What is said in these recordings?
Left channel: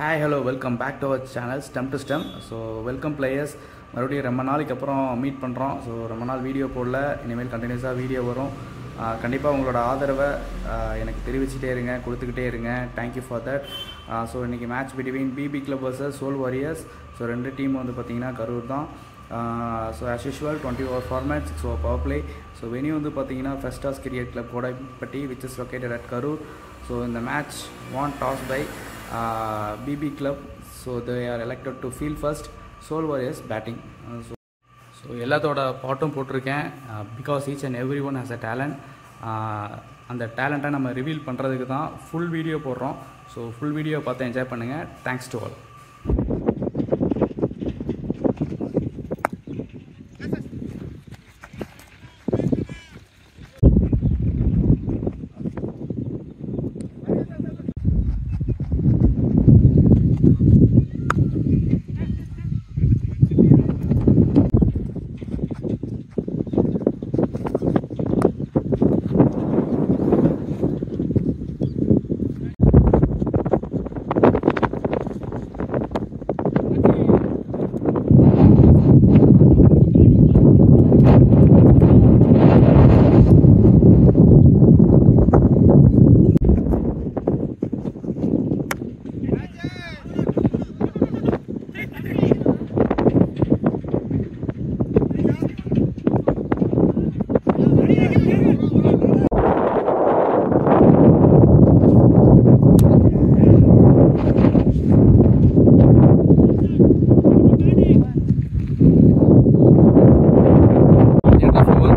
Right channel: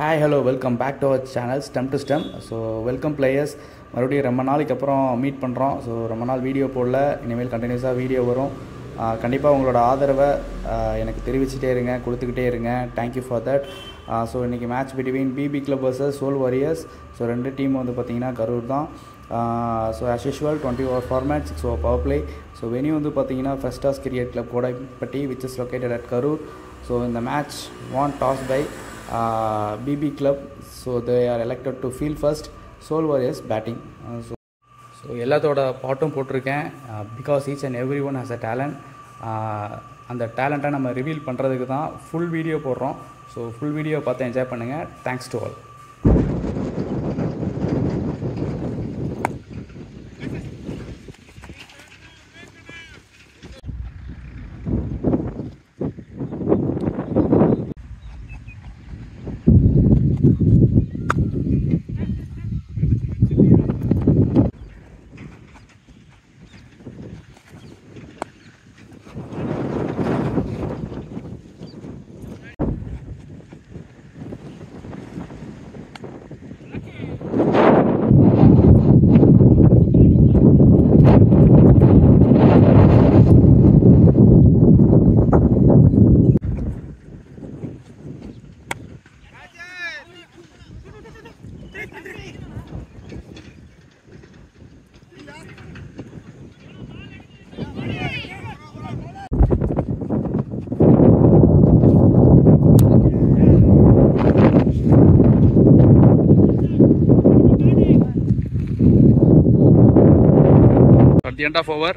Hi, hello, welcome back to our channel STEM to STEM. So welcome players. மறுபடியும் ரொம்ப நாளைக்கு அப்புறம் meet பண்ணுறோம். ஸோ ரொம்ப நாள் வீடியோ போடல, இனிமேல் கண்டினியூஸாக வீடியோ வரும். கண்டிப்பாக உங்களோட ஆதரவை எனக்கு தெரிவிச்சுட்டே இருங்க, கொடுத்துக்கிட்டே இருங்க. Thank you for that. ஸோ இன்றைக்கி match between BB club versus Soul Warriors. So ரெண்டு டீம் வந்து பார்த்திங்கன்னா கரூர் தான். So as usual 20 over formats. So power play. So venue வந்து பார்த்திங்கன்னா Festas cricket club Kodappatti which is located at Karur. So இந்த match won toss by BB Club, so they are elected to field first. Soul Warriors batting. So எல்லாத்தோட பாட்டும் போட்டிருக்கேன். Because each and every one has a talent. அந்த டேலண்ட்டை நம்ம reveal பண்ணுறதுக்கு தான் full video போடுறோம். So full video பார்த்து enjoy பண்ணுங்கள். Thanks to all. End of over,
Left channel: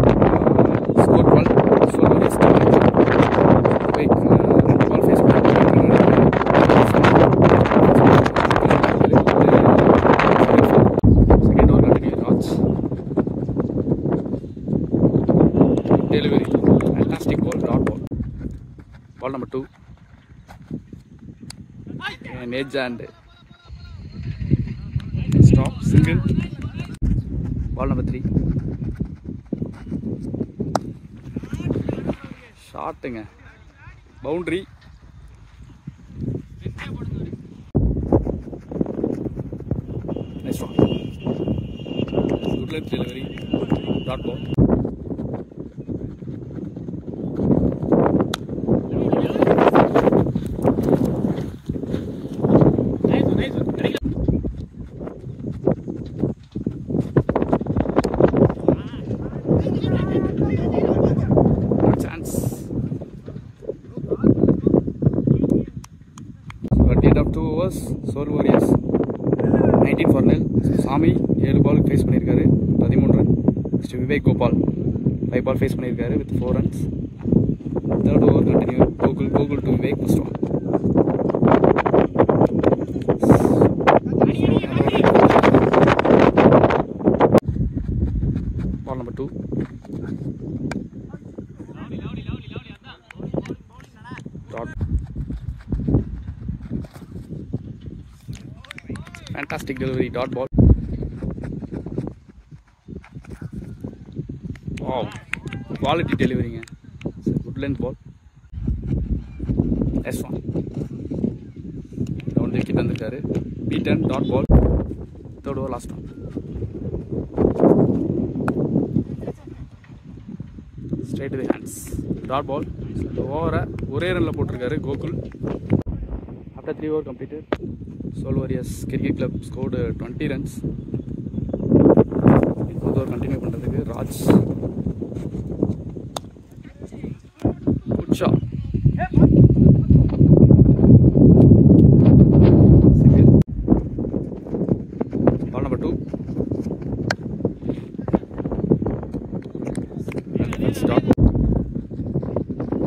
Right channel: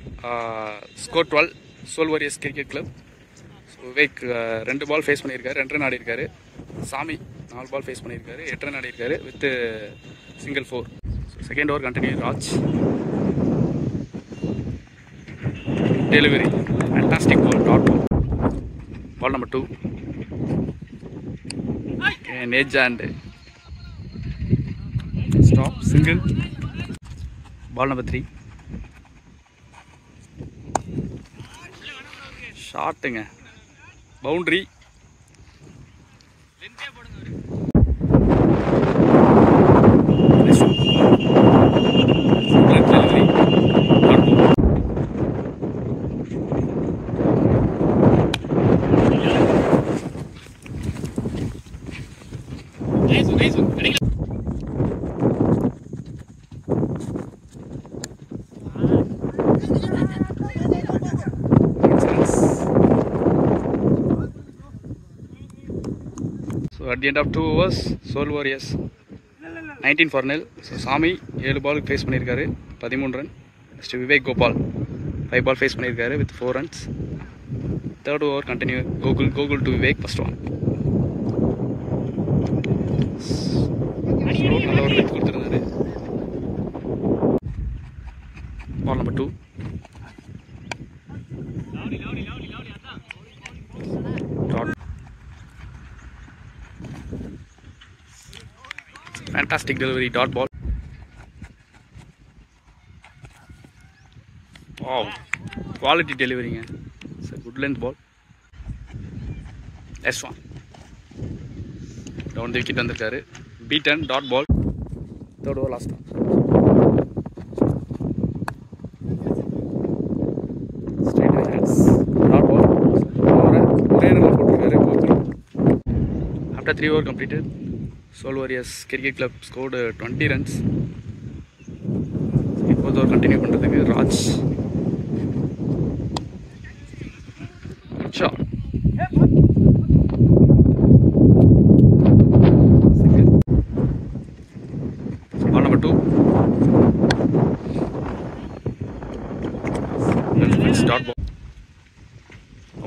score 12. Soul Warriors cricket club. Wake ரெண்டு பால் ஃபேஸ் பண்ணிருக்காரு, 2 ரன் அடிப்பாரு. சாமி பால் ஃபேஸ் பண்ணிருக்காரு, 8 ரன் அடிப்பாரு. Second four. Second over continue. Raj delivery, fantastic ball, dot ball. Ball number 2 edge and stop, single. Ball number 3. ஷாட்டுங்க, boundary. Delivery, dot ball. At the end of 2 overs, Soul Warriors 19 for nil. So சாமி 7 பாலுக்கு face பண்ணியிருக்காரு, 13 run. Next Vivek Gopal 5 ball face பண்ணியிருக்காரு with 4 runs. Third over continue. Gokul to Vivek, first one. நல்ல ஒரு wicket கொடுத்துருக்காரு. Ball number 2. Fantastic delivery, dot ball. Wow, quality delivery. It's a good length ball. S1 down the wicket vandirukkaru. Beaten, dot ball. Third over, last one. Straight away hands, dot ball. Over ore run la potirukkaru Gokul. After 3 overs completed, Soul Warriors Cricket Club scored 20 runs. Fourth over continue பண்றதுக்கு Raj. Good shot. Single. Ball number 2. Let's dot ball.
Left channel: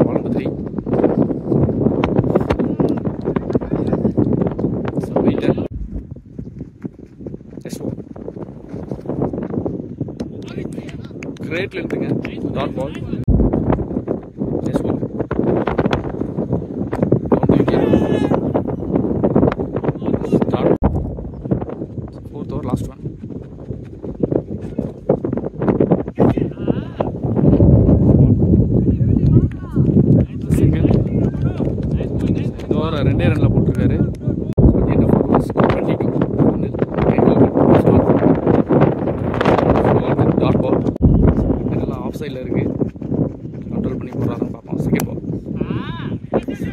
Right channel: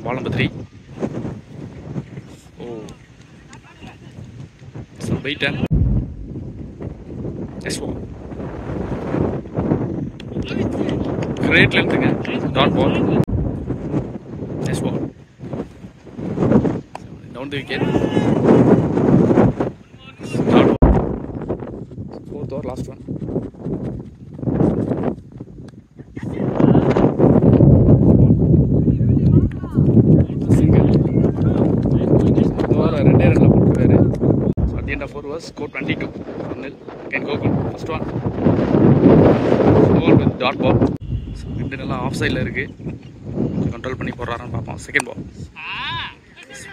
Ball number 3. Beaten. S1. Great length again. Dot ball. S1. Down the wicket. Dot ball. Fourth over, last one. Single. 2 ரன்ல போட்டுருக்காரு. So at the end of சைடில் இருக்குது. Control பண்ணி போடுறாருன்னு பார்ப்போம். Second ball,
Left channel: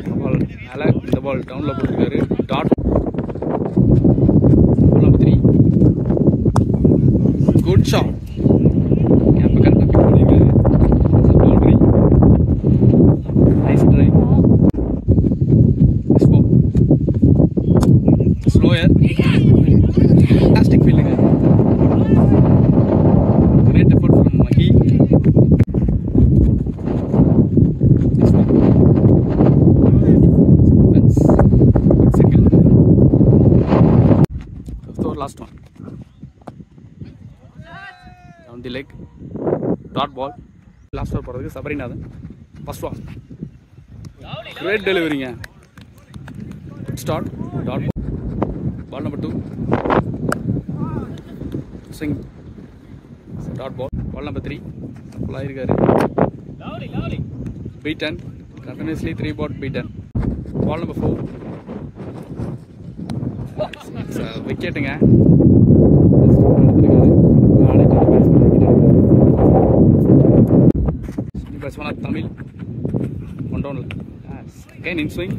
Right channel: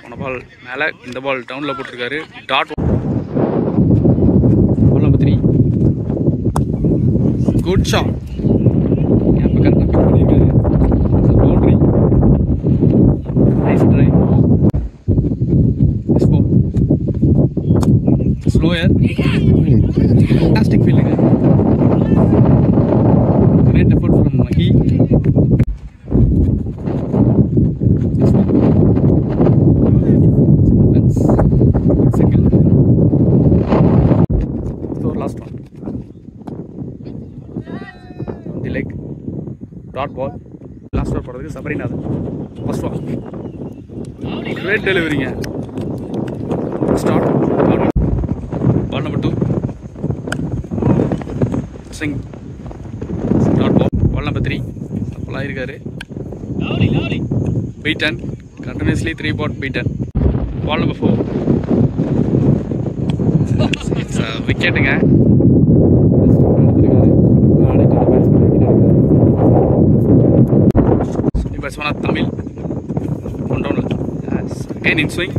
போன பால் மேலே, இந்த ball டவுனில் போட்டிருக்காரு. Dot ball number 3. Good shot. கேப்பை கரெக்டாக பிக் பண்ணியிருக்காரு. Boundary. Nice try. Slower. Fantastic ஃபீல்டுங்க. Great effort from Mahi. Single. Last one. The leg. Dot ball. Last over போடுறதுக்கு சபரிநாதன். First ball. கிரேட் டெலிவரிங்க. Start. Ball number 2. Swing. Dot ball. Ball number 3. Apply irukkaru. Beaten. Continuously 3 ball beaten. Ball number 4. It's a wicket nga. Sunny batsman Tamil. One down. Yes. Again in swing.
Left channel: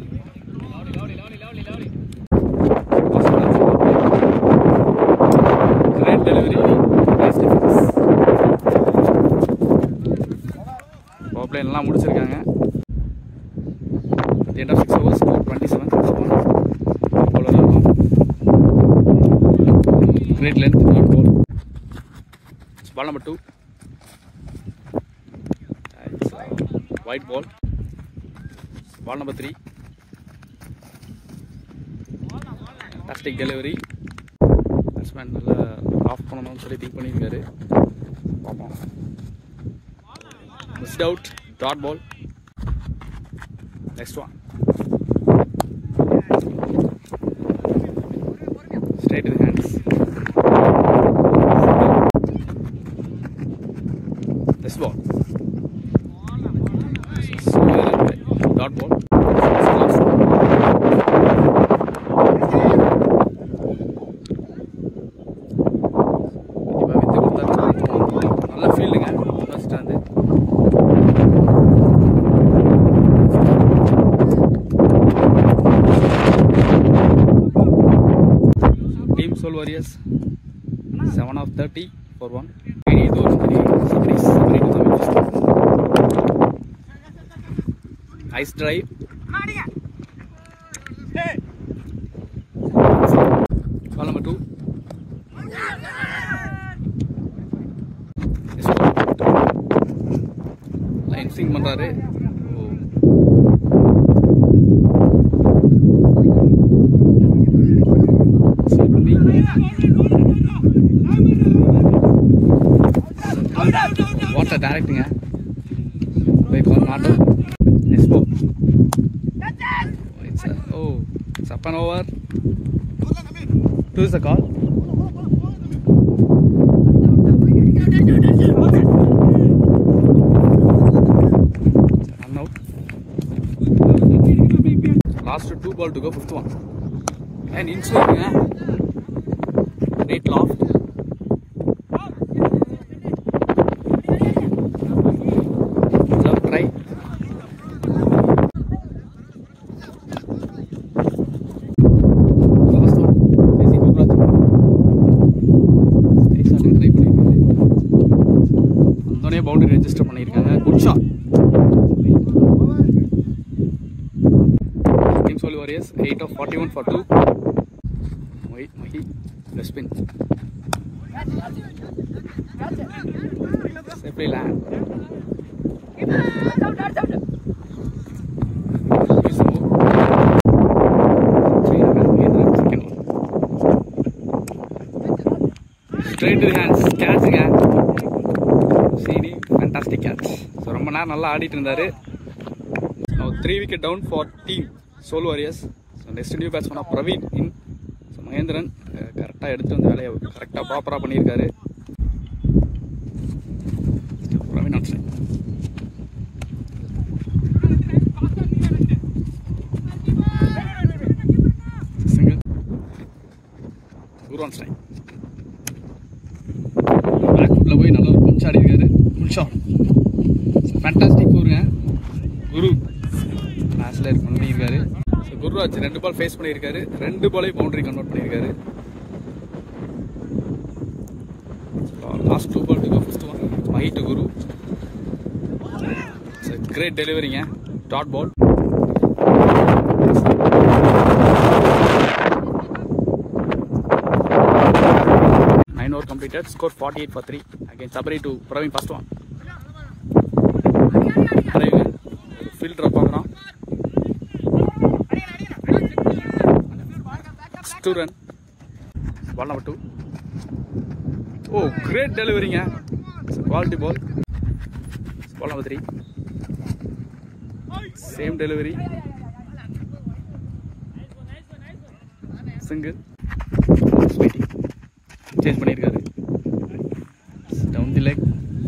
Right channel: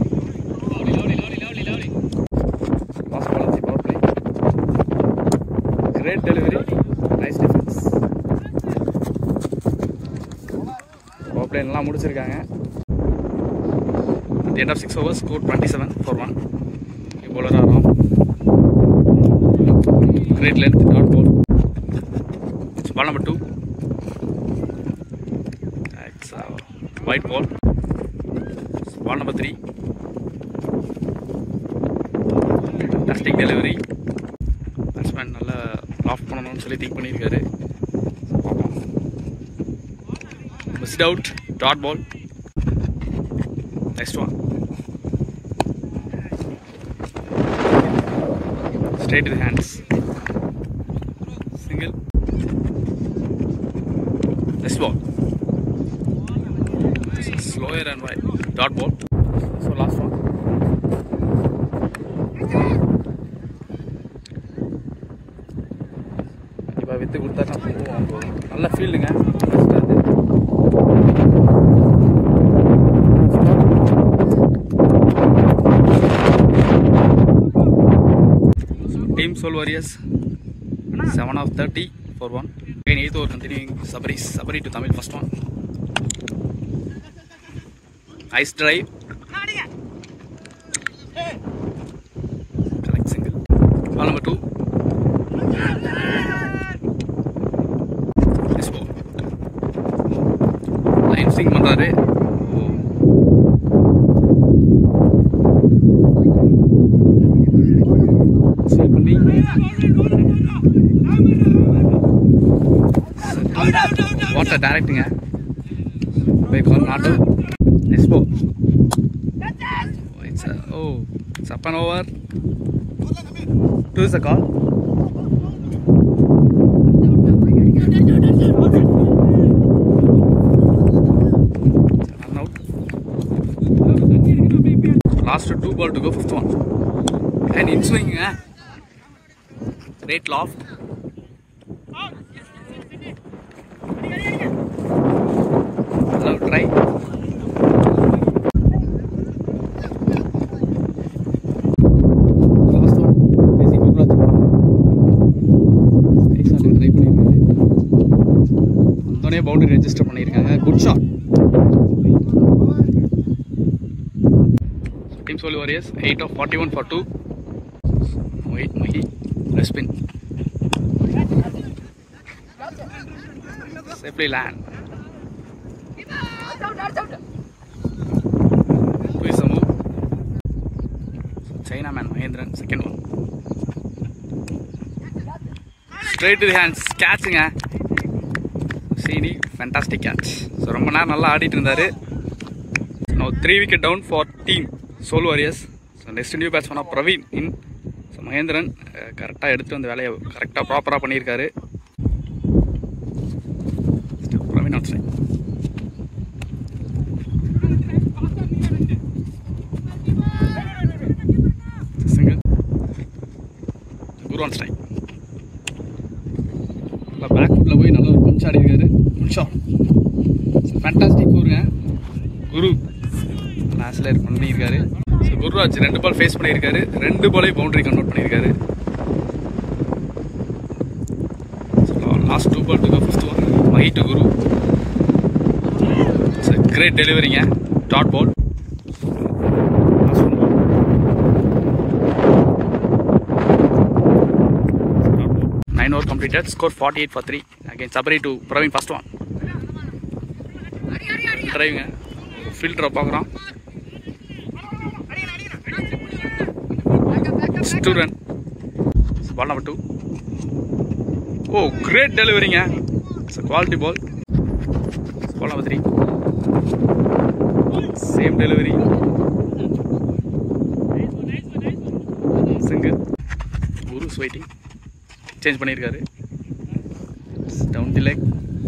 Great delivery, nice defense. Power play எல்லாம் முடிச்சிருக்காங்க. At the end of 6 overs, score 27-1. Bowler ஆகும். Great length, dot ball. It's ball number 2. It's a white ball. It's ball number 3. Fantastic delivery. Batsman நல்லா off பண்ணணும்னு சொல்லி think பண்ணியிருக்காரு. பார்ப்போம். Missed out. Dot ball. Next one. Straight to the hands. Single. Next ball. Slower and right. Dot ball. நல்ல ஃபீல்டுங்க. First அது team Soul Warriors 7 of 30 for 1. இது ஒரு Sabari to Tamil. First one. Nice drive. Ball number 2. Line swing பண்றாரு. பண்ணி water டைரக்ட்டுங்க. By call not out. Next ball. It's up and over. 2 is the call. Last 2 ball to go, 5th one. And in swing, great loft. Hello, try. Last one. Busy good luck. Nice shot try பண்ணிருக்காரு. அந்தோனே boundary register பண்ணிருக்காங்க. Good shot. Soul Warriors 8 of 41 for 2. Wait, Mahi. Spin. Safely land. Please move. Chinaman Mahendran, second one. Straight to the hands. Catching. Seeni, fantastic catch. So, ரொம்ப நேரம் நல்லா ஆடிட்டு இருந்தாரு. Now 3 wicket down for team Soul Warriors. So next new batsman of Praveen in. So Mahendran கரெக்டாக எடுத்து வந்த வேலையை கரெக்டாக ப்ராப்பராக பண்ணியிருக்காரு. Praveen out side. Single. Guru on strike. Back ஃபுட்டில் போய் நல்ல ஒரு பஞ்ச் ஆடி இருக்காரு. Good shot. ஃபேண்டாஸ்டிக் ஊருங்க. குரு லாஸ்ட்ல பண்ணியிருக்காரு. ஸோ குருராஜ் 2 பால் ஃபேஸ் பண்ணியிருக்காரு. 2 பாலையும் பவுண்டரி கன்வெர்ட் பண்ணியிருக்காரு. Last 2 ball to the first one. Mahi to Guru. It's a great டெலிவரிங்க. Dot ball. Nine over completed. Score 48 for 3. Again Sabri to Praveen first one. Driving. Field drop பார்க்குறோம். 2 run. Ball number 2. Oh, great delivering. It's a quality ball. Ball number 3. Same delivery. Single. Waiting. Change பண்ணியிருக்காரு. Down the leg.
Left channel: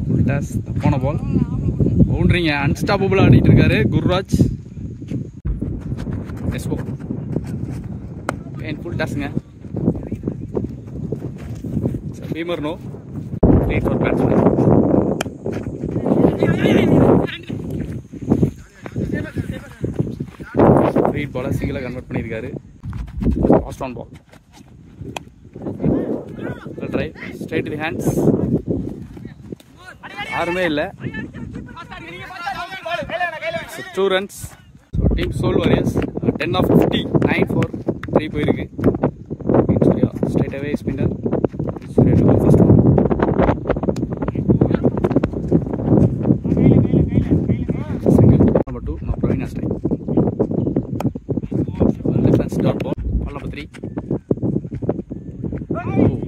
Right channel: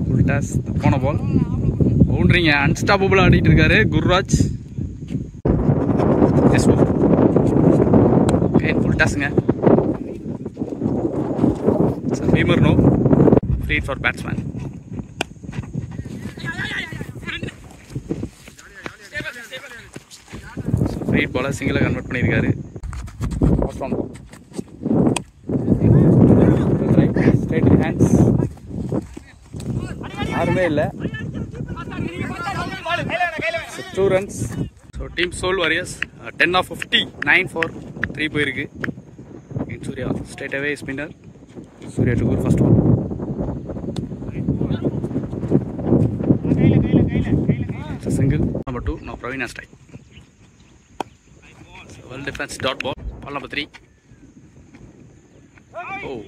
Full toss. தப்பான பால். பவுண்டரிங்க. Unstoppable ஆடிட்டு இருக்காரு Gururaj. This ball. Okay, full tossங்க. It's a beamer no. Lead for batsman. Straight ball single convert பண்ணியிருக்காரு. First one ball. Straight to hands. யாருமே இல்லை. 2 runs. So team Soul Warriors 10 of 50, 9 for 3 போயிருக்கு. Surya straight away spinner. Surya to go first one. It's a single. Number 2. Now Praveen has strike. So well defense dot ball. Ball number 3. Oh.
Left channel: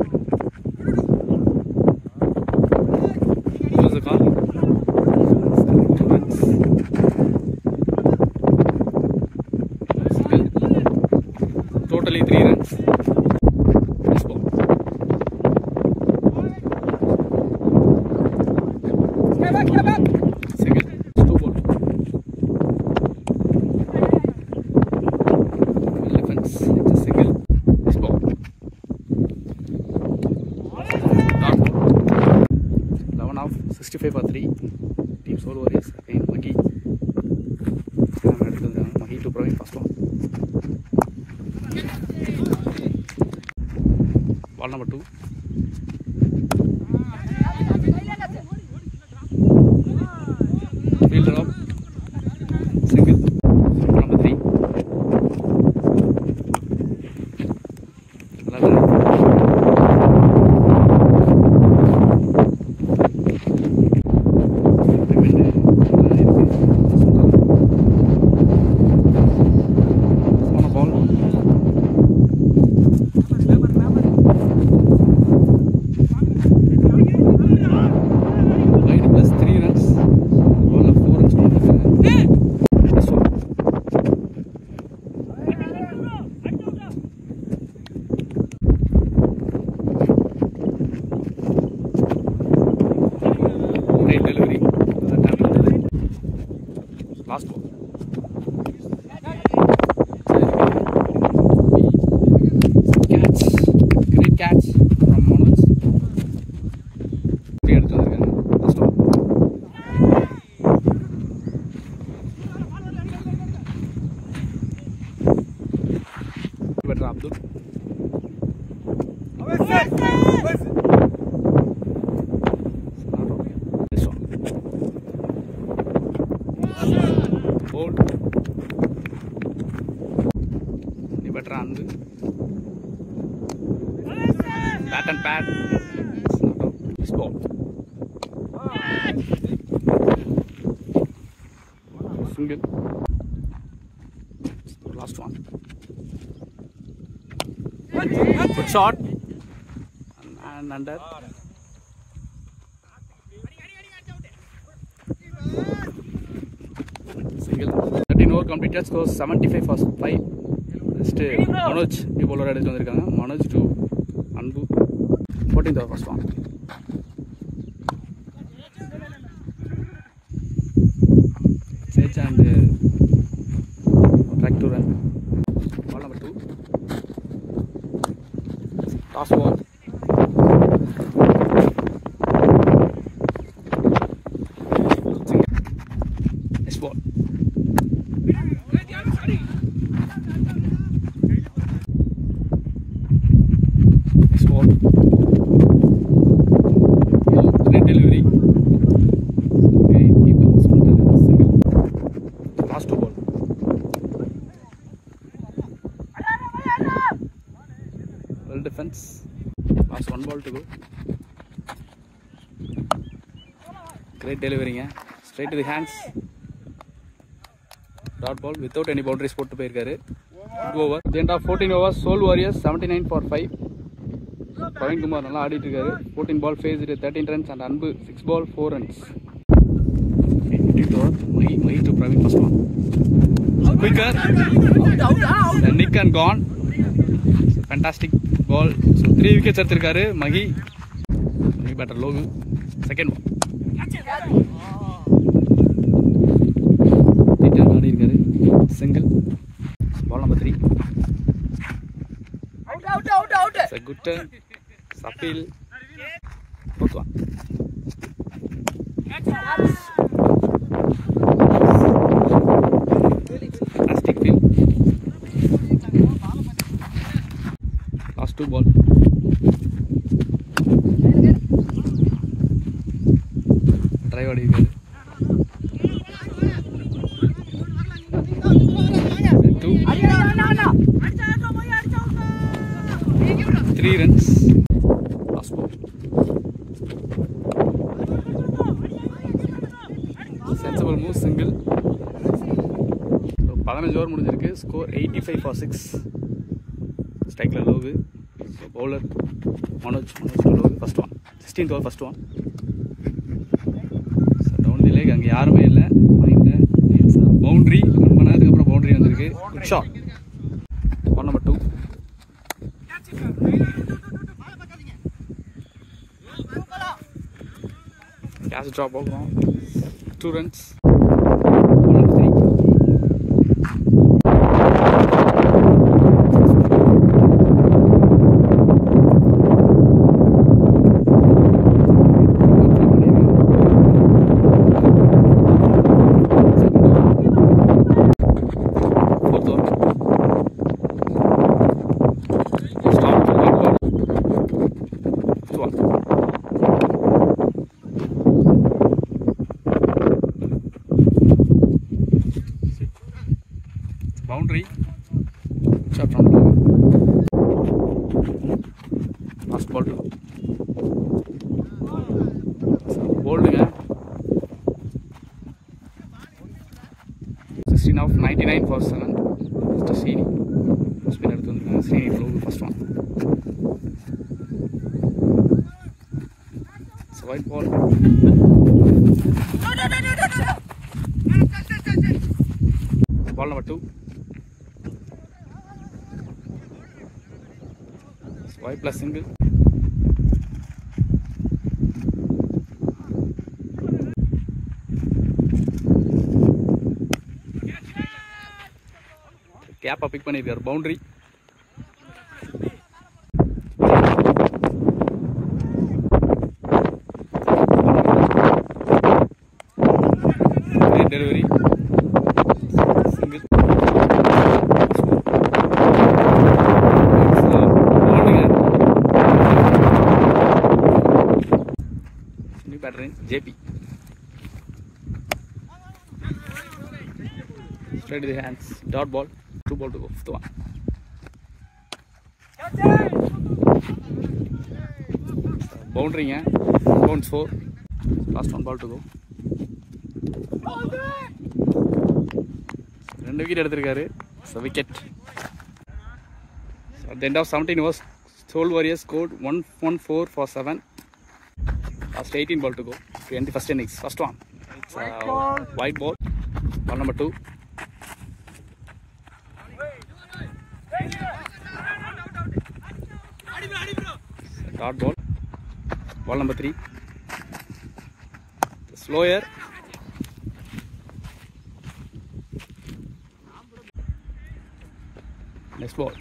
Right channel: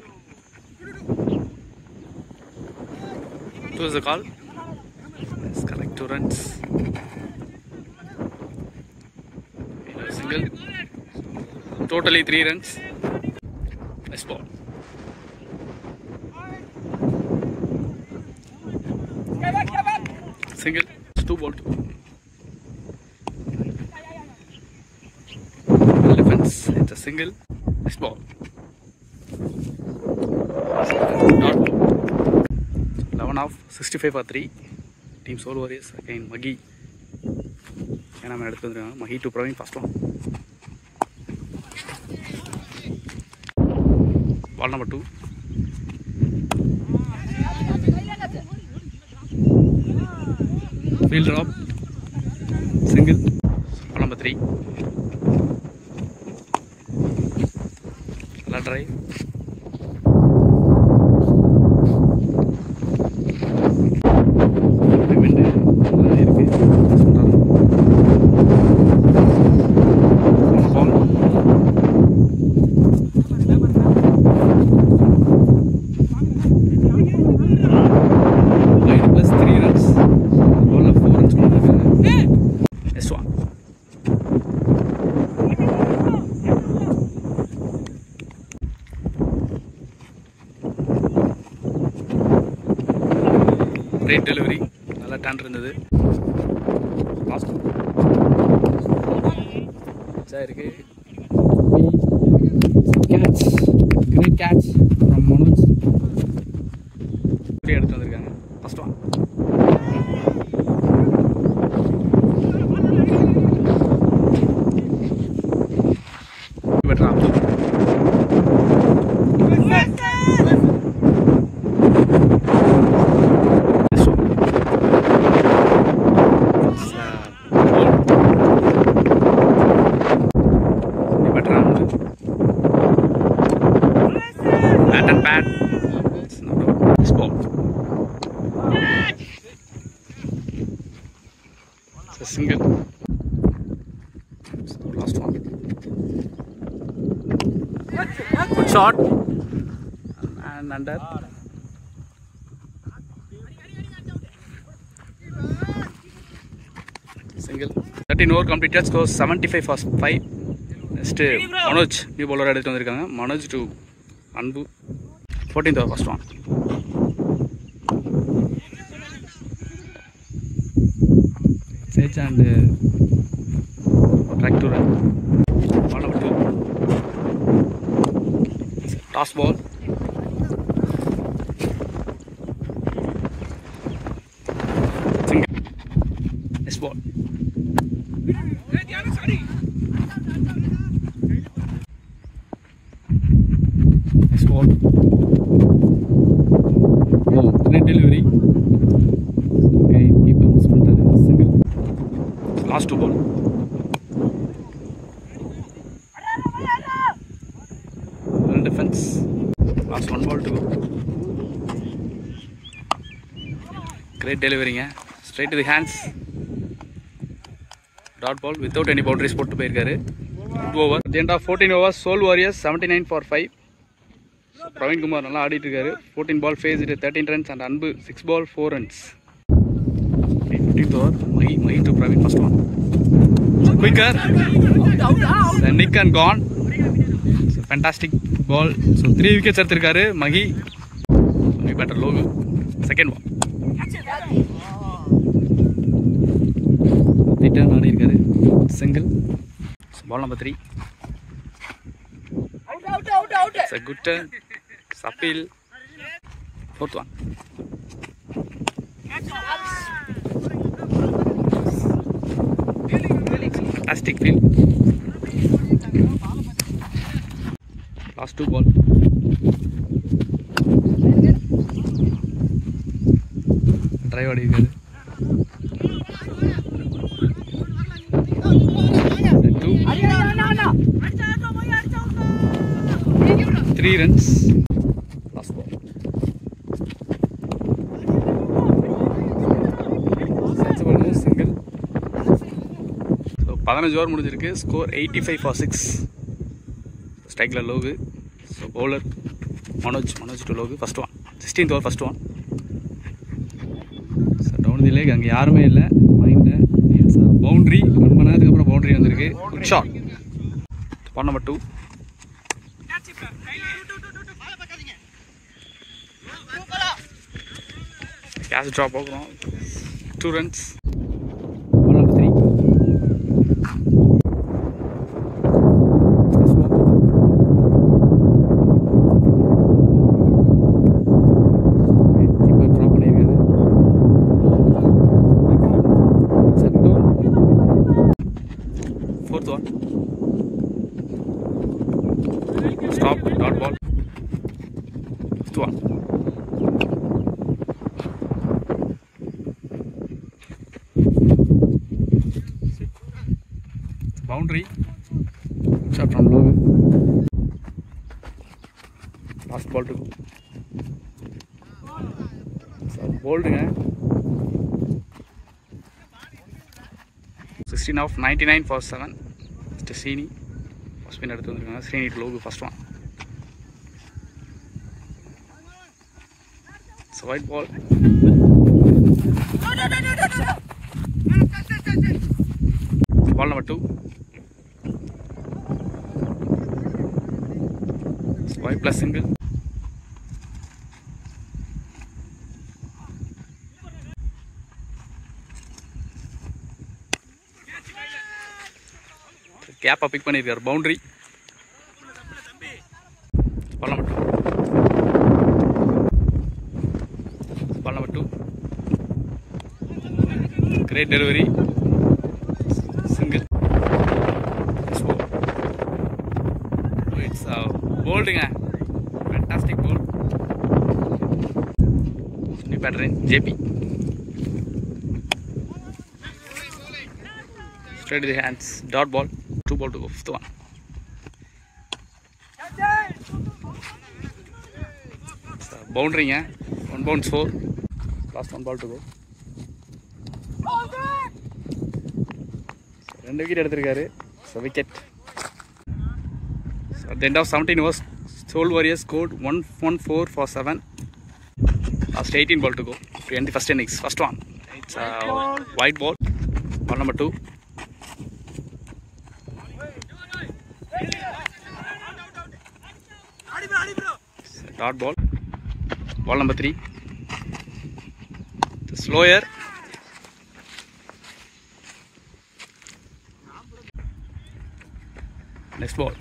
It was the call. Let's collect 2 runs. Single. Totally 3 runs. This ball. Single. 2 ball. Well defense. It's a single. This ball. Dot ball. 11 off 65 for 3. Team Soul Warriors again Maghi. Maghi to Praveen first one. Ball number 2. Field drop. Single. Ball number 3. Drive. Great delivery. Another tan இருந்தது. Last one. Catch. Great catch from Manoj. இப்படி எடுத்து வந்திருக்காங்க. Last one. Better Abdul. Bat and bat. It's not out. This ball. It's a single. It's the last one. Good shot. And under. Single. 13 over completed. Score 75 for 5. Next Manoj new bowler எடுத்து வந்திருக்காங்க. Manoj to Anbu. 14th over first one. Sage and track to run. Ball number 2. Toss ball. Single. defense. Last 1 ball to go. Great delivering, straight to the hands. Dot ball without any boundaries put to போயிருக்காரு. 2 over. At the end of 14 overs, Soul Warriors 79 for 5. Praveen Kumar நல்லா ஆடிட்டு இருக்காரு. 14 ball faced 13 runs and Anbu 6 ball 4 runs. 15th over, Mahi to Praveen first one. Quicker. Then Nick and gone. So fantastic ball. So 3 wickets எடுத்திருக்காரு Mahi. So better low. Second ball. Return ஆடி இருக்காரு. Single. So ball number 3. Out. It's a good turn. Sapil. Fourth one. Fantastic field. Last 2 ball. Drive ஆடி இருக்காரு. 3 runs. Last ball. Sensible move, single. So 15 over முடிஞ்சிருக்கு. Score 85 for 6. Strike low. So bowler Manoj to low. First one. 16th over, first one. So down the leg அங்க யாருமே இல்ல. மைண்ட்ல it's boundary. ரொம்ப நேரத்துக்கு அப்புறம் boundary வந்திருக்கு. Good shot. Ball number 2. Catch drop over. 2 runs. Ball number 3. Fourth one. Stop. Dot ball. Fifth one. Boundary. Shot from low. Last ball to go. Bowling. 16 off, 99 for 7. Mr. Srini. Spin எடுத்து வந்திருக்காங்க. Srini low first one. So white ball. Ball number 2. White plus single. Cap pick பண்ணிருக்கார் boundary. Great delivery. Single. It's bowling. Fantastic ball. New batter in JP. Straight to the hands. Dot ball. 2 ball to go. Fifth one. Boundary. 1 bounce 4. Last 1 ball to go. 2 wicket எடுத்திருக்காரு. So wicket. So at the end of 17 overs, Soul Warriors scored 114 for 7. Last 18 ball to go to end the first innings. First one. It's a white ball. Ball number 2. Dot ball. Ball number 3. The slower. Next ball.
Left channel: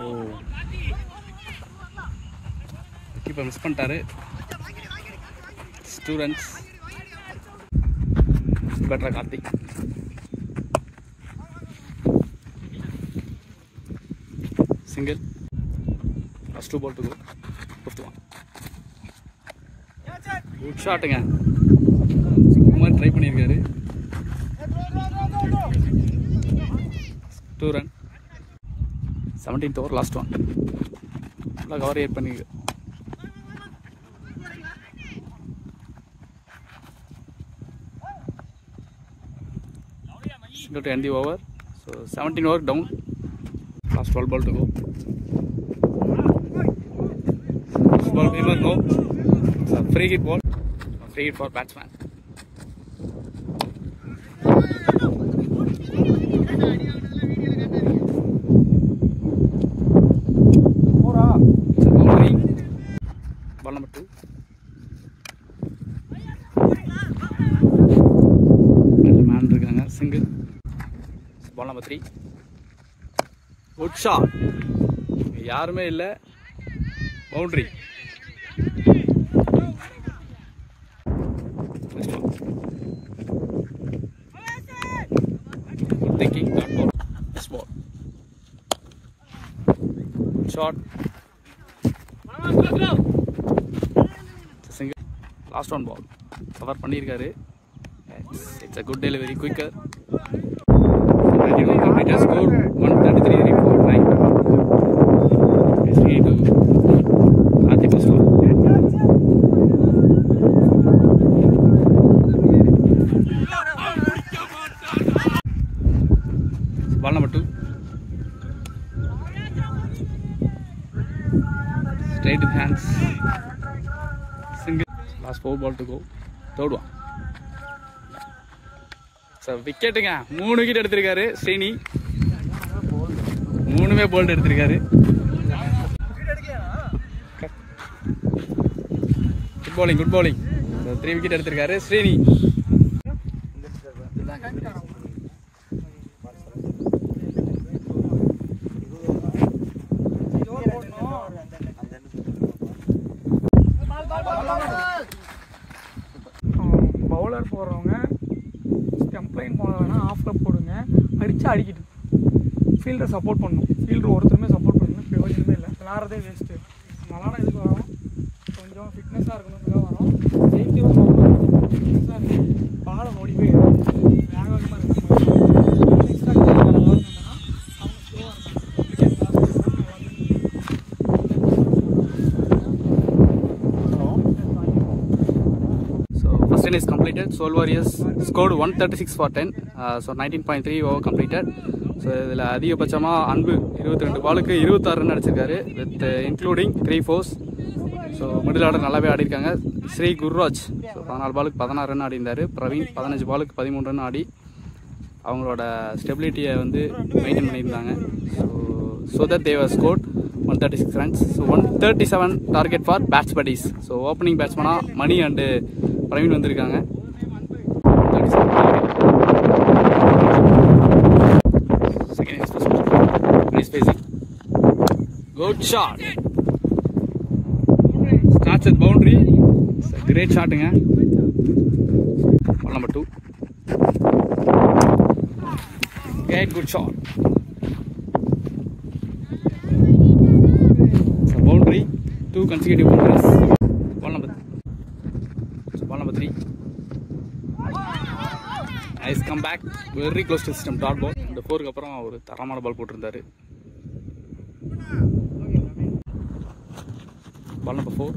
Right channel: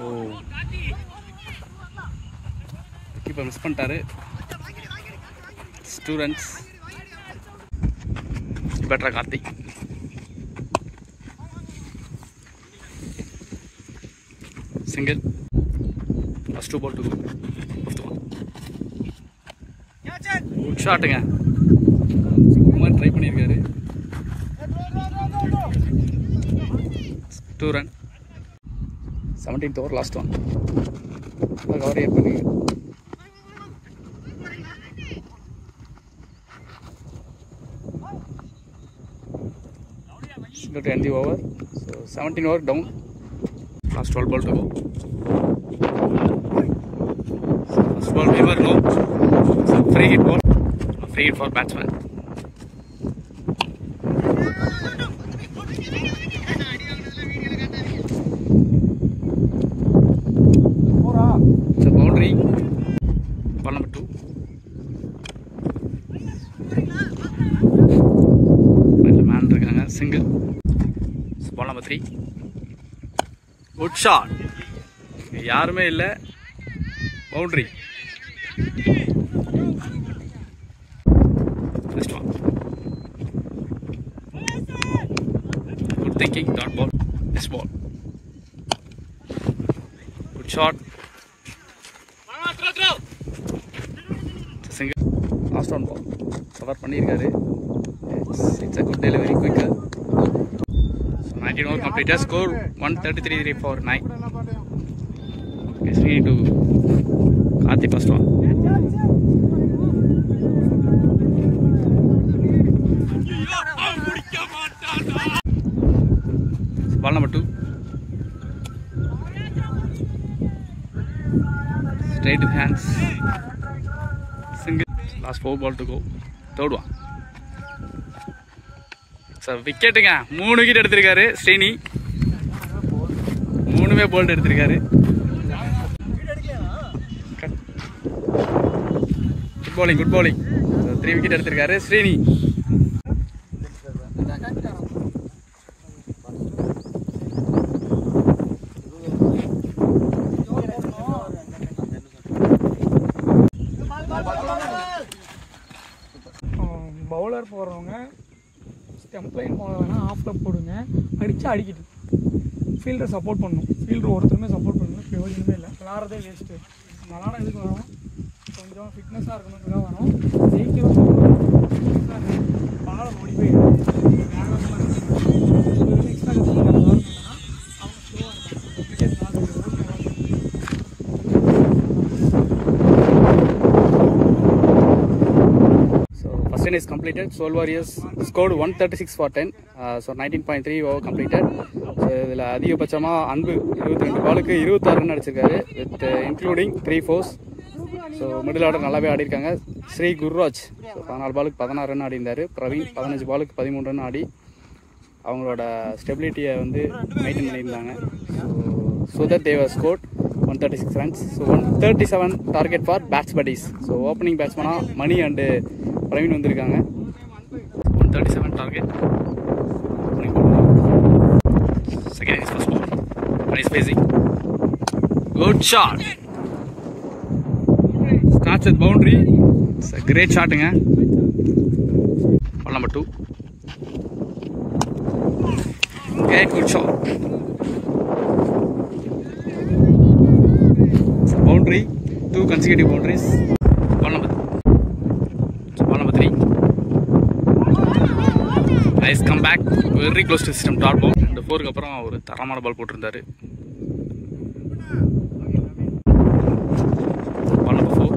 Oh. Keeper miss பண்ணிட்டாரு. 2 runs. Better Karthi. Single. Last 2 ball to go. Fifth one. Good shot ங்க. Kumar try பண்ணிருக்காரு. 2 run. 17th over, last one. Cover here பண்ணி go to end the over. So 17 over down. Last 12 ball to go. So first ball Weaver no. So free hit ball. Free hit for batsman. It's a boundary. Ball number 2. Man இருக்காங்க single. Ball number 3. Good shot. யாருமே இல்ல. Boundary. First one. Good thinking. Dot ball. This ball. Good shot. Single. Last one ball. Cover பண்ணிருக்காரு. It's a good delivery, quicker. 91 completed. Score 133 for 9. It's free to Karthi first one. Ball number 2. Straight with hands. Single. Last 4 ball to go. Third one. So wicket ங்க 3 wicket எடுத்திருக்காரு Srini 3மே bolt எடுத்திருக்காரு good bowling so 3 wicket எடுத்திருக்காரு Srini bowler போடுறவங்க stump line போன வேணா ஆஃப்ல போடுங்க அடிச்சா அடிக்கிட்டு ஃபீல்டர் சப்போர்ட் பண்ணணும் ஃபீல்டர் ஒருத்தருமே சப்போர்ட் பண்ணணும் பிரயோஜனமே இல்லை விளாட்றதே வேஸ்ட்டு அதனால் இதுக்கு வரோம் கொஞ்சம் ஃபிட்னஸாக இருக்கணும்னு வரோம் ஜெயிக்கிறோம் ஃபிட்னஸாக இருக்குது பாலை ஓடி போய் எக்ஸ்ட்ரா அவங்க ஸ்லோவாக இருக்காங்க is completed. Soul Warriors scored 136 for 10. So 19.3 over completed. So இதில் அதிகபட்சமாக அன்பு 22 பாலுக்கு 26 ரன் அடிச்சிருக்காரு with including 3 4s. So middle order நல்லாவே ஆடிருக்காங்க. ஸ்ரீ குர்ராஜ் ஸோ 14 பாலுக்கு 16 ரன் ஆடிருந்தார். பிரவீன் 15 பாலுக்கு 13 ரன் ஆடி அவங்களோட ஸ்டெபிலிட்டியை வந்து மெயின்டைன் பண்ணியிருந்தாங்க. ஸோ சுதர் தேவ scored 136 runs. So 137 target for bats buddies. So opening batsman Mani and Praveen வந்திருக்காங்க. 137 target. Second is first ball. Nice spacing. Good shot. Starts with boundary. It's a great shotங்க. Ball number 2. Great good shot. Boundary, 2 consecutive boundaries. Ball number 3. Nice comeback, very close to system dot ball. And 4க்கு அப்புறம் ஒரு தரமான பால் போட்டிருந்தாரு. Ball number 4.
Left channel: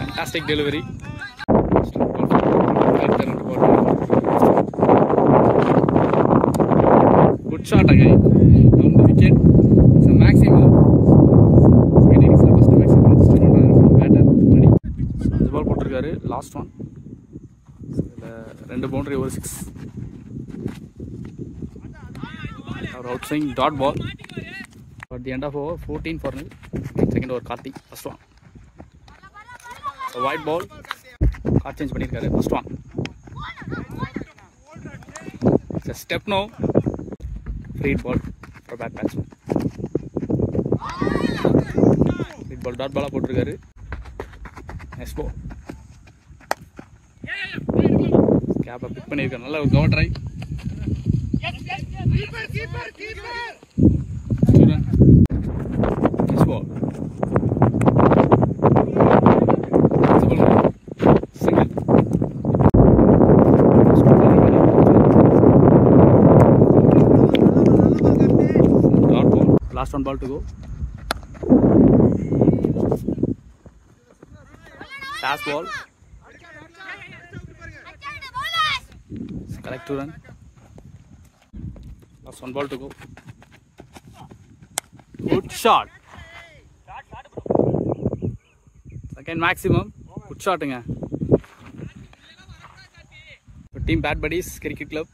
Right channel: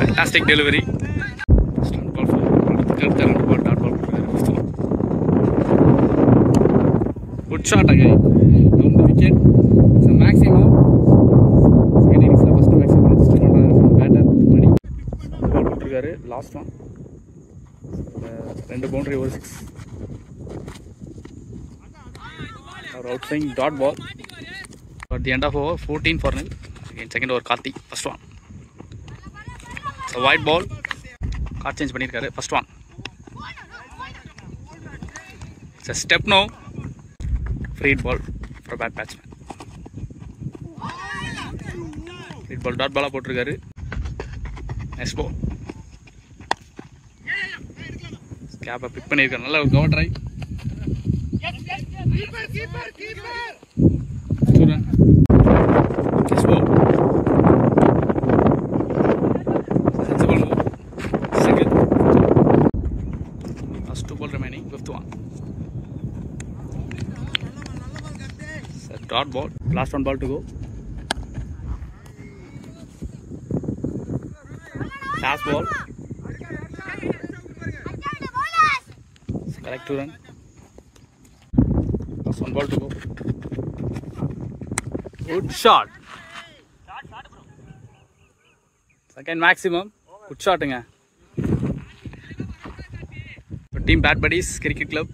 Fantastic delivery. Strong ball. Good shot again. Down the wicket. It's a maximum. First maximum register from batter. Ball போட்டிருக்காரு. Last one. ரெண்டு boundary over 6. Our outswing dot ball. At the end of over 14 for nil. Second over Karthi. First one. It's a wide ball. Card change பண்ணிருக்காரு. First one. It's a step now. Free ball for bad batsman. Free ball dot ball போட்டிருக்காரு. Next ball. கேப்பை big பண்ணியிருக்காரு. நல்ல ஒரு cover try. Next ball. Sensible move. Single. First ball remaining. Last one ball to go. Last ball. Correct to run. Last one ball to go. Good shot. Second maximum. Good shot. Team Bad Buddies Cricket Club.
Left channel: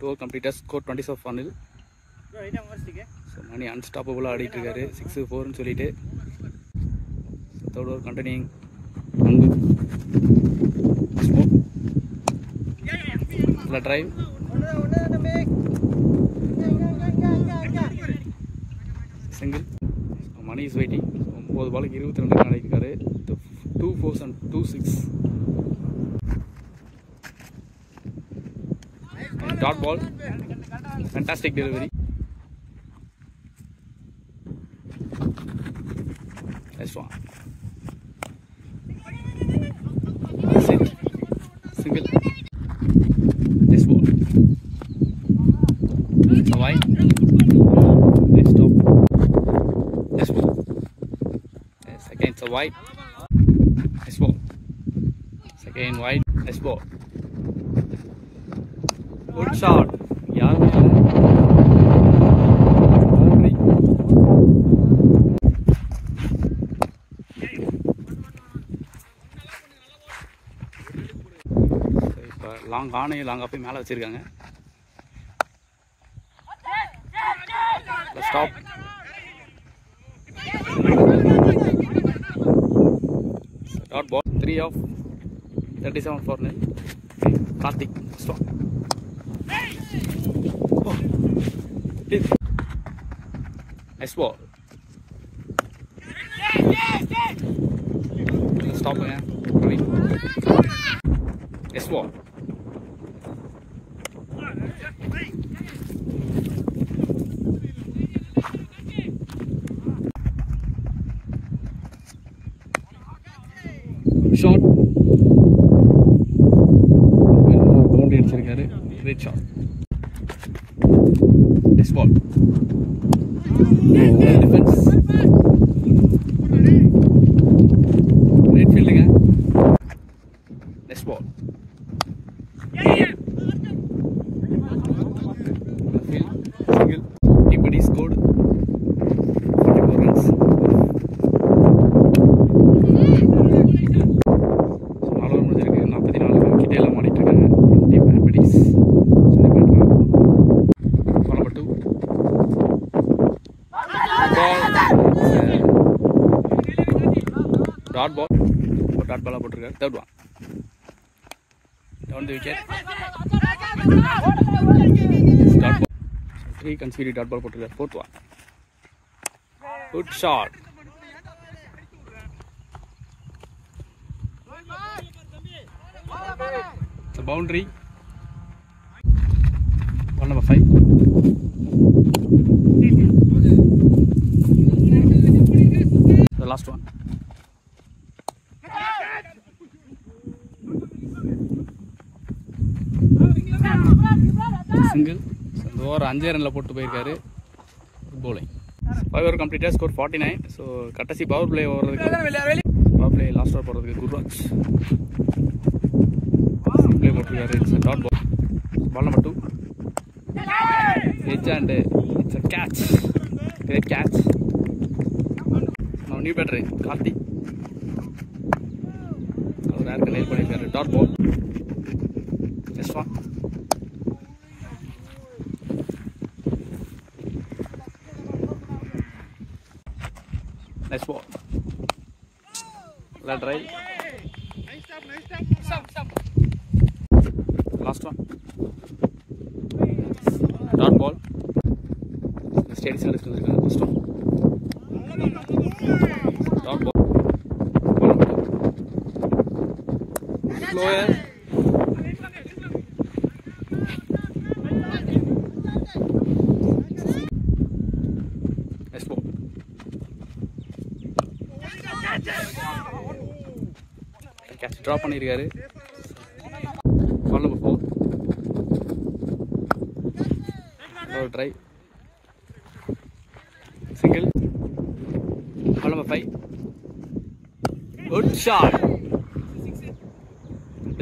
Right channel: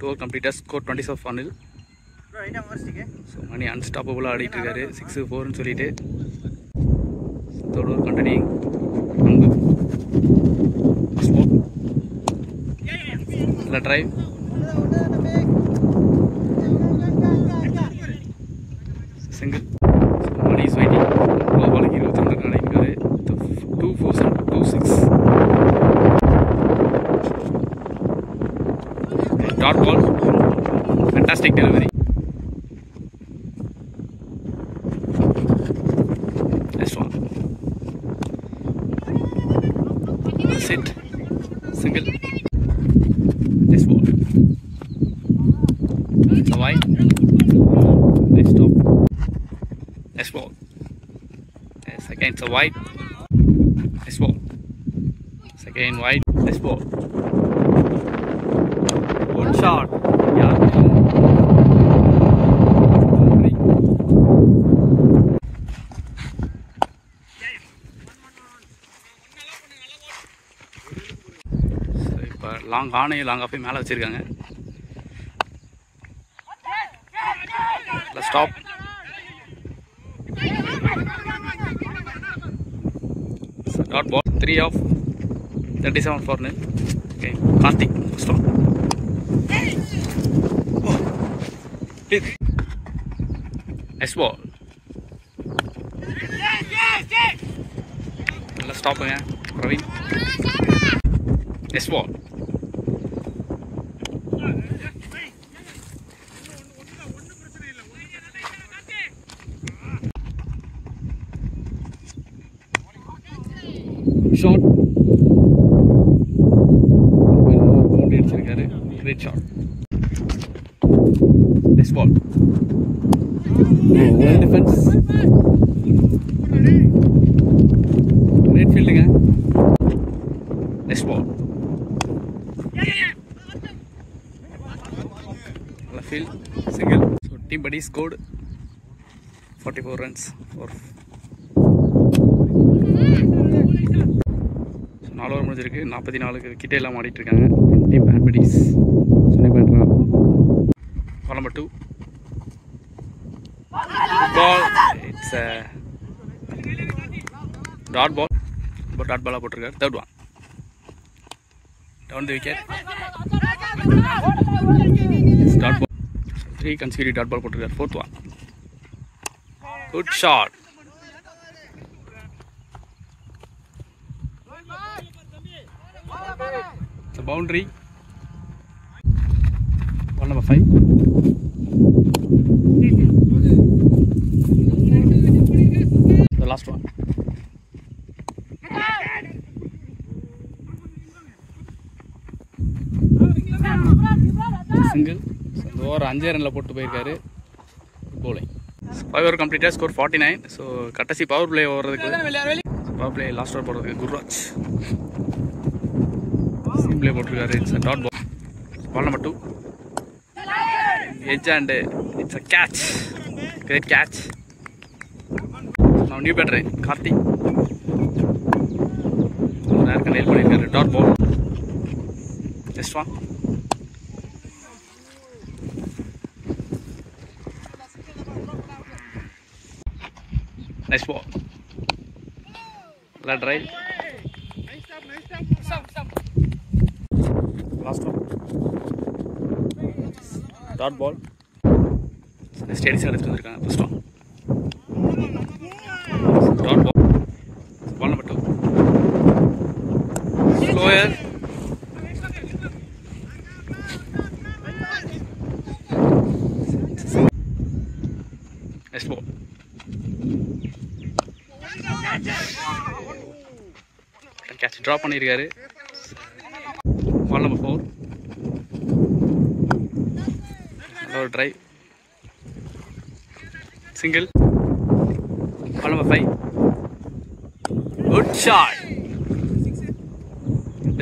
2 over completed. Score 27-0. So Mani unstoppable ஆடிட்டு 6-4 னு சொல்லிட்டு third over continuing. First ball. The drive. Single. So Mani is waiting. ஒரு பாலுக்கு 22 run அடிக்கிறாரு. 2 4 2 6. Dot ball. Fantastic delivery. Next one. Sit. Single. This ball. It's a wide. Nice stop. This ball. Yes, again it's a wide. This ball. Again wide. This ball. Good shot. Yeah. Long ஆனையும் லாங்காக போய் மேலே வச்சுருக்காங்க. Stop. Dot ball 3 of 37 for nil. Okay, Karthik strong. Nice ball. Let's stop again. Praveen. Nice ball. Shot. Boundary அடிச்சிருக்காரு. Great shot. This ball. Well defense. Great fielding. This ball. Field. Single. Team Buddy scored 44 runs. So 4 over முடிஞ்சிருக்கு. 44 கிட்ட எல்லாம் ஆடிட்டு இருக்காங்க. Team Bad Buddies. Suni பண்றா. Ball number 2. Ball. It's a dot ball. Dot ball போட்டுருக்காரு. Third one. Down the wicket. Dot ball. 3 consecutive dot ball போட்டுருக்காரு. Fourth one. Good shot. It's a boundary. Ball number 5. The last one. Single. Over 5 ரன்ல போட்டு போயிருக்காரு. bowling. 5 over completed, score 49. So கடைசி power play ஓவறதுக்கு power play last over போறதுக்கு குர்ராஜ் சிம் play போட்டுருக்காரு. It's a dot ball. Ball number 2. Edge and it's a catch. Great catch. Now new batter Karthik. நேரக்க nail பண்ணிருக்காரு. Dot ball. Next one. Nice ball. Let drive. Last one. Dot ball. Steady side எடுத்துருக்காங்க. First one. Dot ball. Ball number 2. Slower. Nice ball. Catch drop பண்ணிருக்காரு. Ball number 4. Low drive. Single. Ball number 5. Good shot.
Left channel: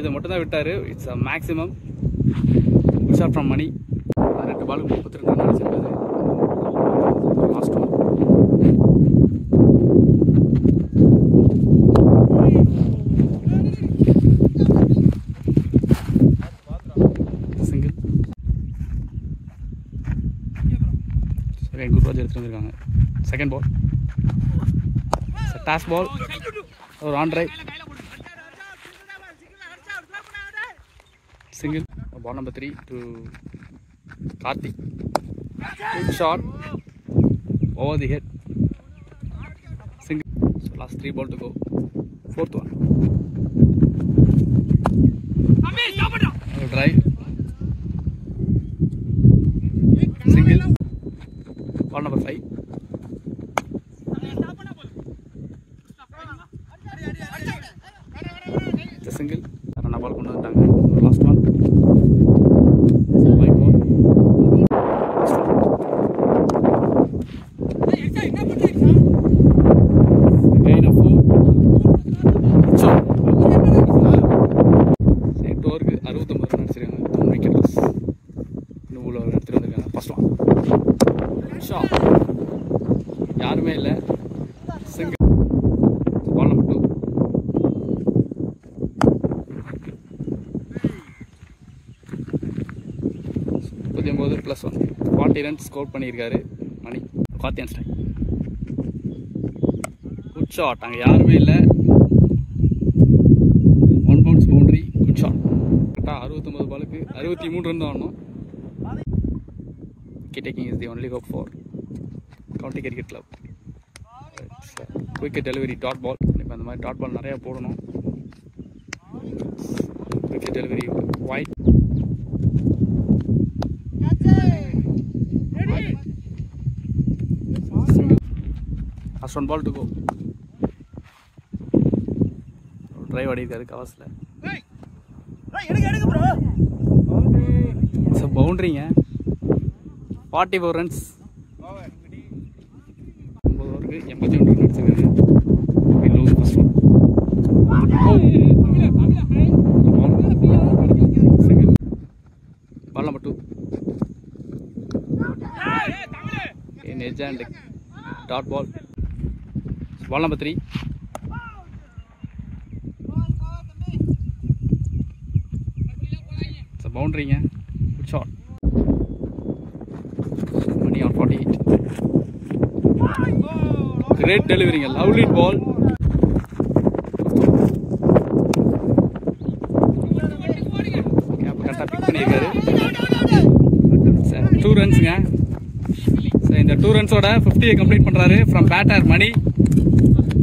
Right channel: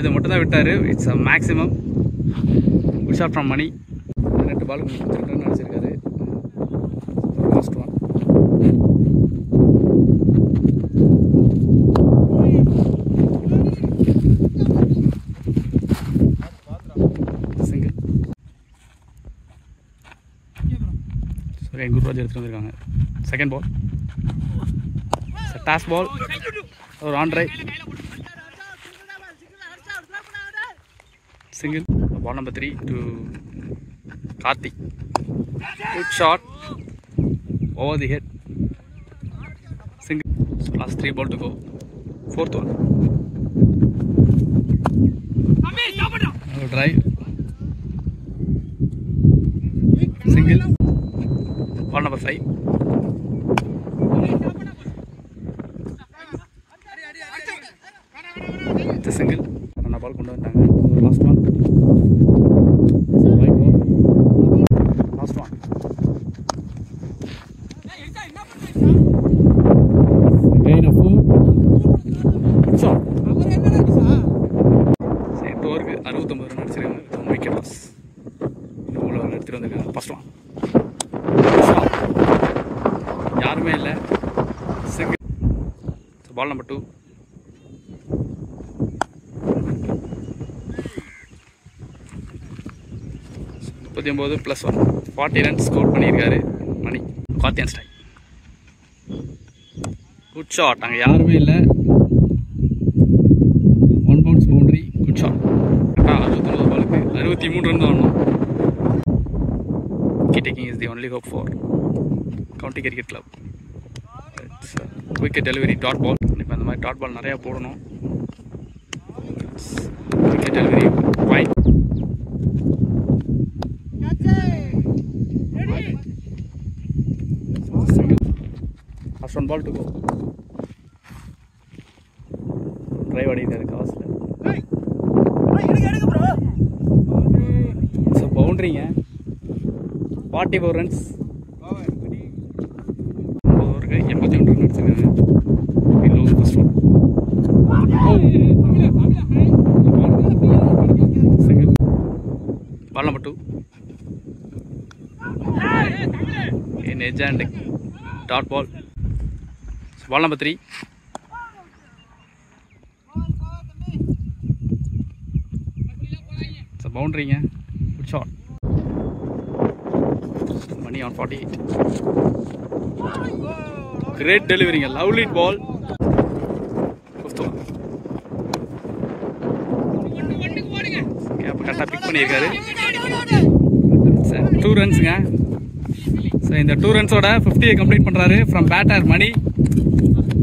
இது மட்டும் தான் விட்டாரு. It's a maximum. Good shot from Mani. 2 பால் கொடுத்துருக்காங்க நினைச்சிருக்காரு. Last one. Single. Gururaj எடுத்துட்டு வந்திருக்காங்க. Second ball. Toss ball. ஒரு on drive. Single. Ball number 3 to Karthik. Good shot. Over the head. Single. So last 3 ball to go. Fourth one. Another drive. Single. Ball number 5. It's a single. Another ball கொண்டு வந்தாங்க. Last one. White ball. Again a 4. Shot. Set over 69 run அடிச்சிருக்காங்க. 1 wicket loss. இன்னும் உள்ள எடுத்துட்டு வந்திருக்காங்க. First one. Shot. யாருமே இல்லை. Single. Ball number 2. +1 40 runs score பண்ணியிருக்காரு மணி. கார்த்தியன் ஸ்டைல். Good shot. அங்கே யாருமே இல்லை. 1 பவுன்ஸ் பவுண்டரி. Good shot. 69 பாலுக்கு 63 ரன் தான் ஆடணும். Wicket taking is the only hope for county cricket club. It's wicket delivery dot ball. இப்போ அந்த மாதிரி டாட் பால் நிறையா போடணும். Wicket delivery wide. Last 1 ball to go. Drive அடிக்காரு கவஸ்ல. ஸோ பவுண்டரிங்க. 44 ரன்ஸ். ஓவருக்கு 81 ரன் அடிச்சிருக்காங்க. First one. Single. Ball number 2. In edge and dot ball. Ball number 3. It's a boundary. Good shot. Money on 48. Great delivery. Lovely ball. Cap pick பண்ணிருக்காரு. 2 runs. So in the 2 runs oda 50 complete பண்றாரு from batter Mani.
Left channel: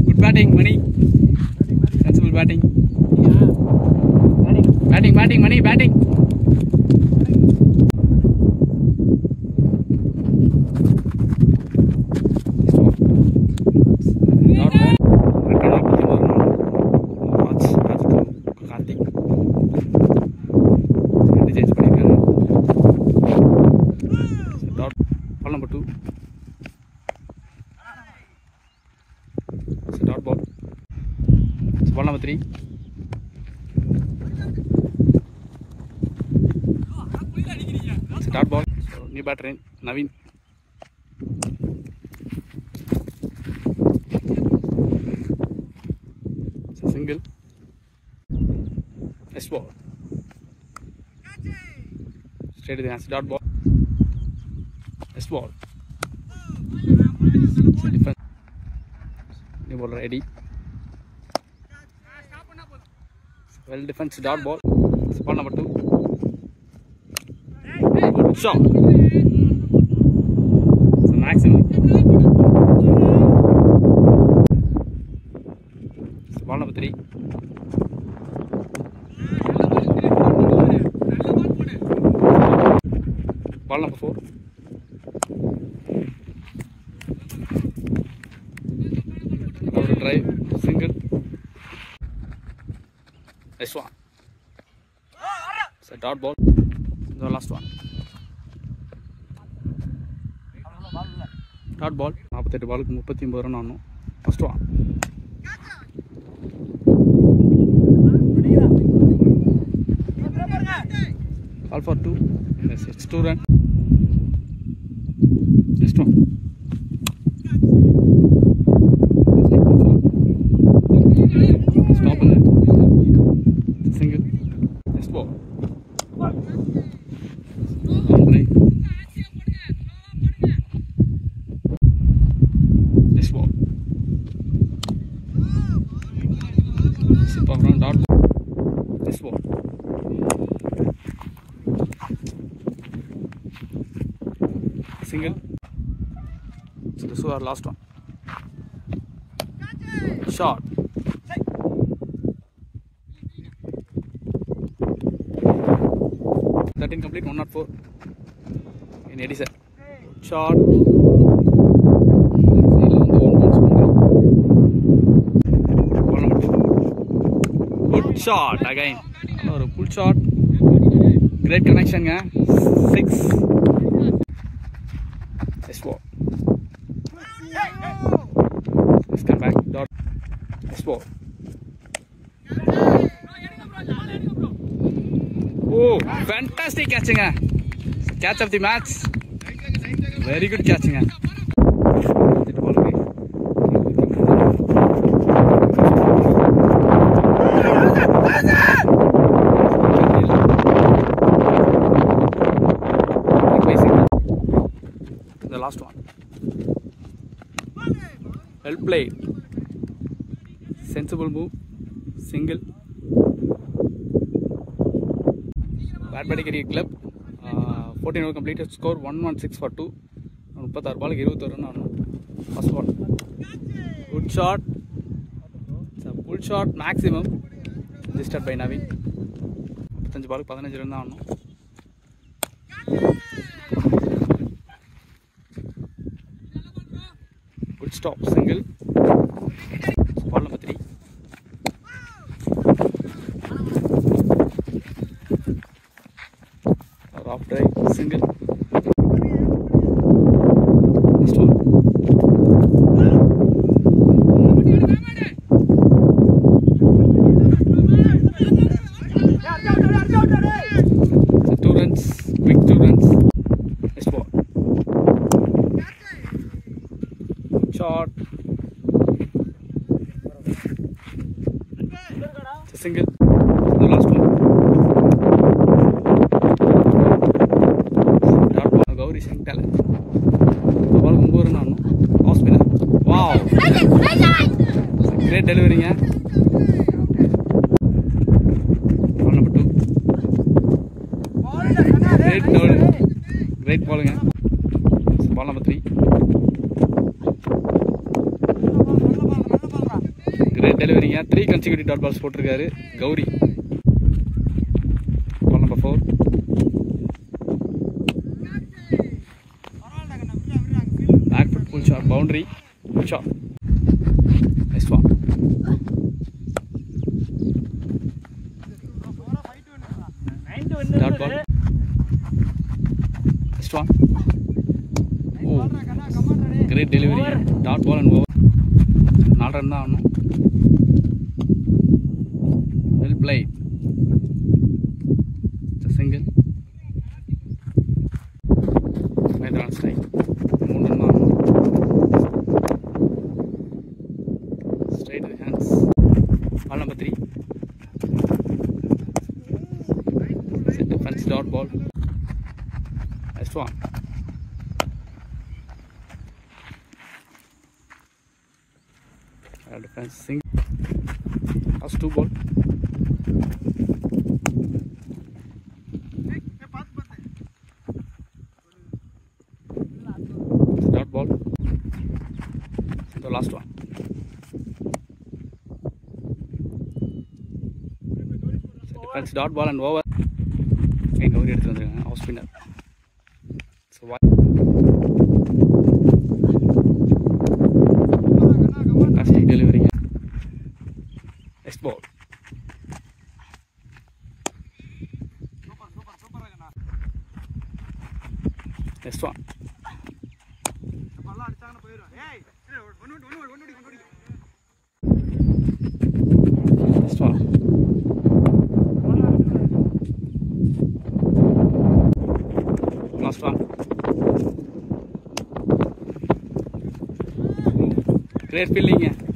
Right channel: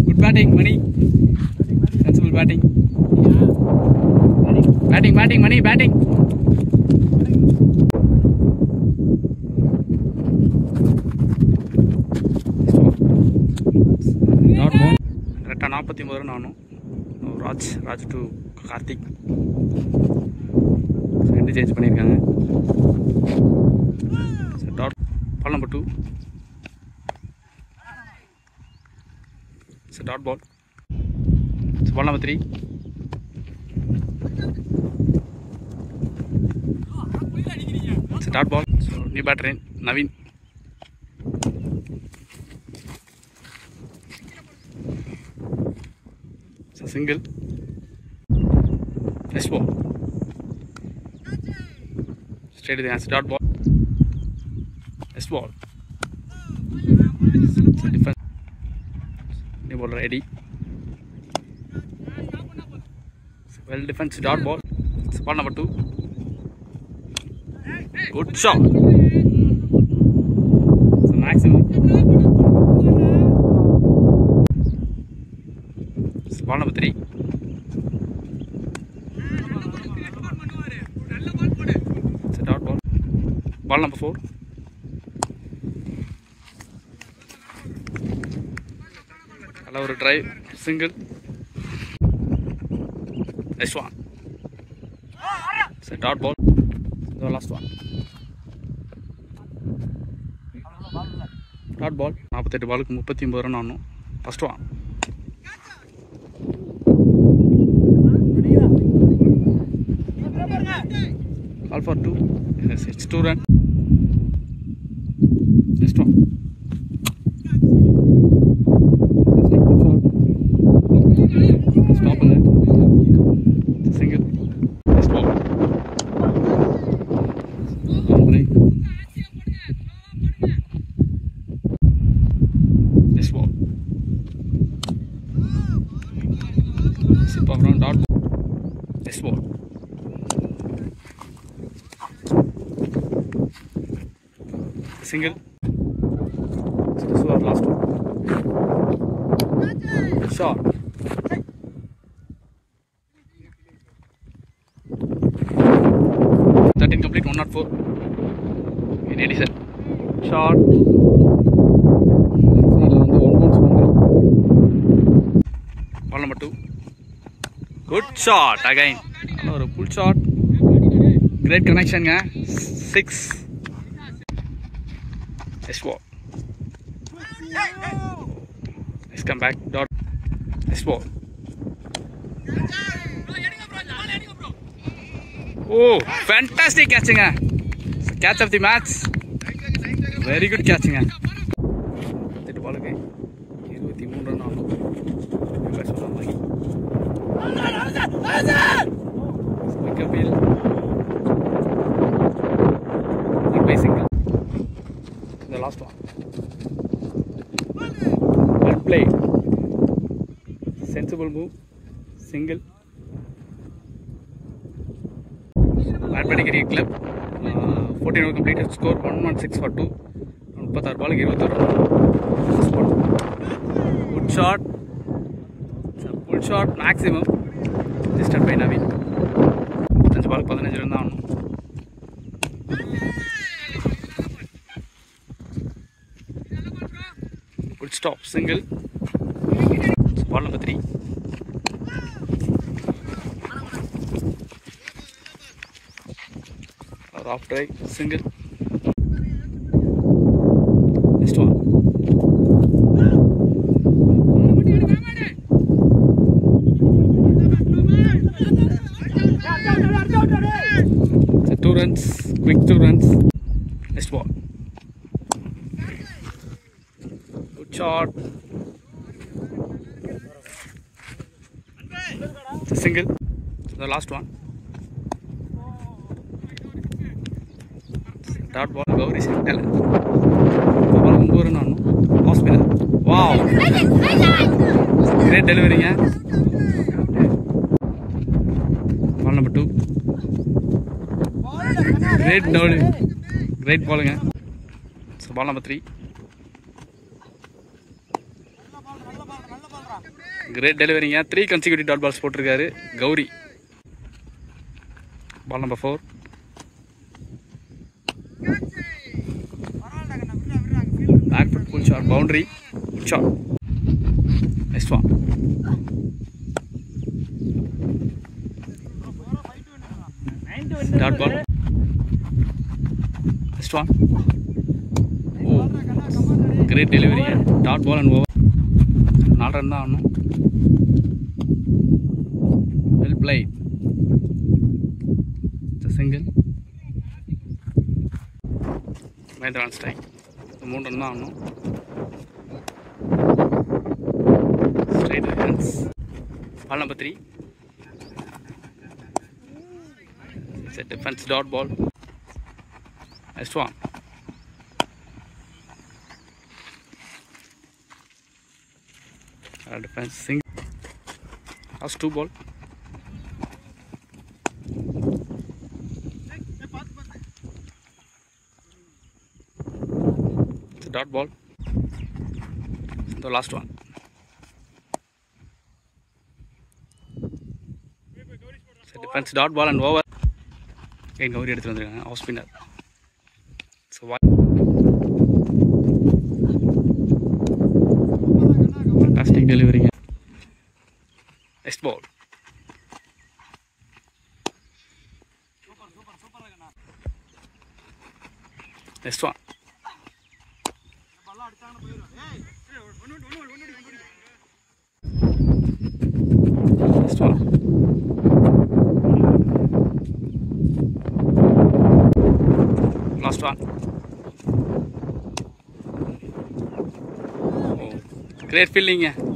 Good batting Mani. Sensible batting. Batting Mani batting. Dot ball. Retta 43 run on. Raj to Karthik. End change பண்ணிருக்காங்க. So dot ball number 2. It's a dot ball. It's ball number 3. It's a dot ball. So new batter in Naveen. It's a single. Nice ball. Straight to the hands. Dot ball. Nice ball. It's a different. New bowler Eddie. Well defense. Dot ball. It's ball number 2. Good shot. It's a maximum. It's ball number 3. Ball number 4. Another drive, single. Nice one. It's a dot ball. The last one. Dot ball. 48 பாலுக்கு 39 run ஆடணும். First one. All for 2. Yes, it's 2 run. Next one. Stop on that. Single. Next ball. Wrong break. Next ball. Sip around dot ball. Next ball. Single. So this was our last one. Shot. That incomplete. 104. In Edison. Shot. Ball number 2. Good shot again. Another pull shot. Great connection, guy. 6. Nice ball. Let's come back. Dot. Nice ball. Oh, fantastic catching. It's the catch of the match. Very good catching. Ball again. The last one. Well played. Sensible move. Single. Badbadi Cricket Club. 14 over completed. Score 116 for 2. 36 ball 21 run. Spot. Good shot. It's a full shot maximum. Registered by Naveen. 15 ball 15 run down. Good stop, single. It's ball number 3. Off drive, single. Next one. So 2 runs, quick 2 runs. Next ball. Good shot. It's a single. So the last one. Dot ball. Gauri talent. The ball 9 run on. Off spinner. Wow. Great delivery. Ball number 2. Great delivery. Great bowling. So ball number 3. Great delivery. 3 consecutive dot balls போட்டிருக்காரு Gowri. Ball number 4. Back foot pull shot, boundary, good shot. Next one. Dot ball. Next one. Oh, great delivery. Dot ball and over. 4 run தான் ஆடணும். Well played. It's a single. Maidana strike. 3 run தான் ஆடணும். Straight hands. Ball number 3. It's a defense dot ball. Next one. Defense single. Last 2 ball. It's a dot ball. The last one. It's a defense dot ball and over. Again, Gauri எடுத்து வந்திருக்காங்க off spinner. So fantastic delivery. Next ball. Next one. Last one. Great feeling.